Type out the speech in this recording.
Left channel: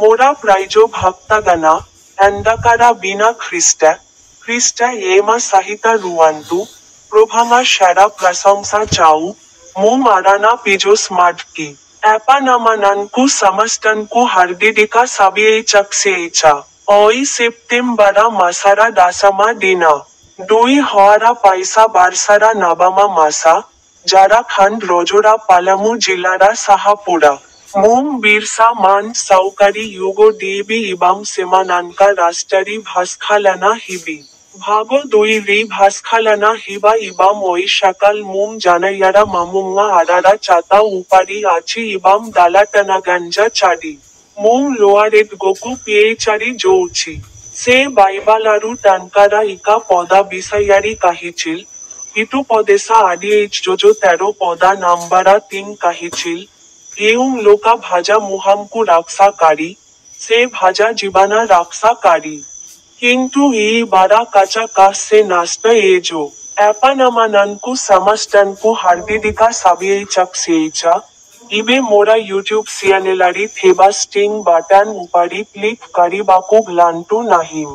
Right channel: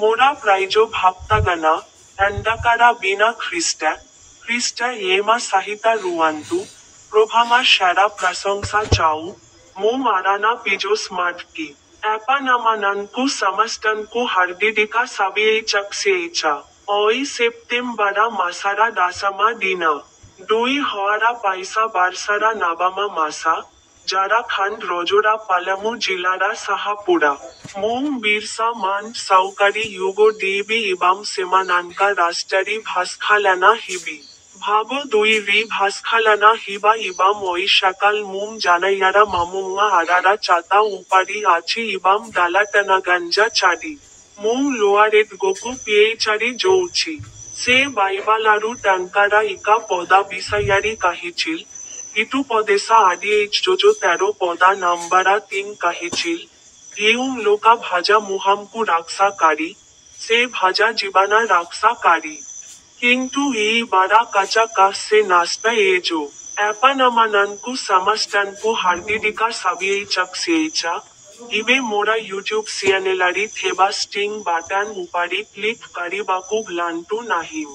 মোরা প্রাইজ ভক্তাগণা এন্দাকারা বিনা খ্রিস্টা ఏమా సహిత రువంతు প্রভাঙা সেরা প্রশংসা চাউ ము మారానా పిజోస్ మాడ్కి ఎపనమనన్కు సమస్టన్కు హర్దిడిక సబియేచక్సేచా ఓయి సెప్టెంబరా మసరా దాసమా দিনা দুই হওয়ারা পাইসা বারসারা নাবামা মাসা যারা খান্ড রজোরা পালামু জিলারা সাহাপুরা মোম বিরসা মান সৌকারি ইউগো দেবী ইবাম সিমানানকা রাষ্ট্রারি ভাস্খালানা হিবি ভাগো দুই রি ভাস্খালানা হিবা ইবাম ওই সকাল মোম জানাইয়ারা মামুঙ্গা আরারা চাতা উপারি আছি ইবাম দালাটানাগাঞ্জা চারি মোম লোয়ারেদ গোকু পেয়েচারি জৌছি সে বাইবালারু টানকারা ইকা পদা বিসাইয়ারি কাহিছিল ইটু পদেসা আডিএইচ জোজো 13 পদা নাম্বারা 3 কাহিছিল येऊं लोका भाजा मुहामकु राक्साकारी से भाजा जीवाना राक्साकारी किंतु ये बारा काचा कास से नास्त एजो एपानमाननकु समस्तनकु हार्दिडिका साबिएचक्सेचा इबे मोरा यूट्यूब चॅनेलारी थेबा स्टिंग बाटन उपारी क्लिक करिबाकु ग्लांटू नाहीम।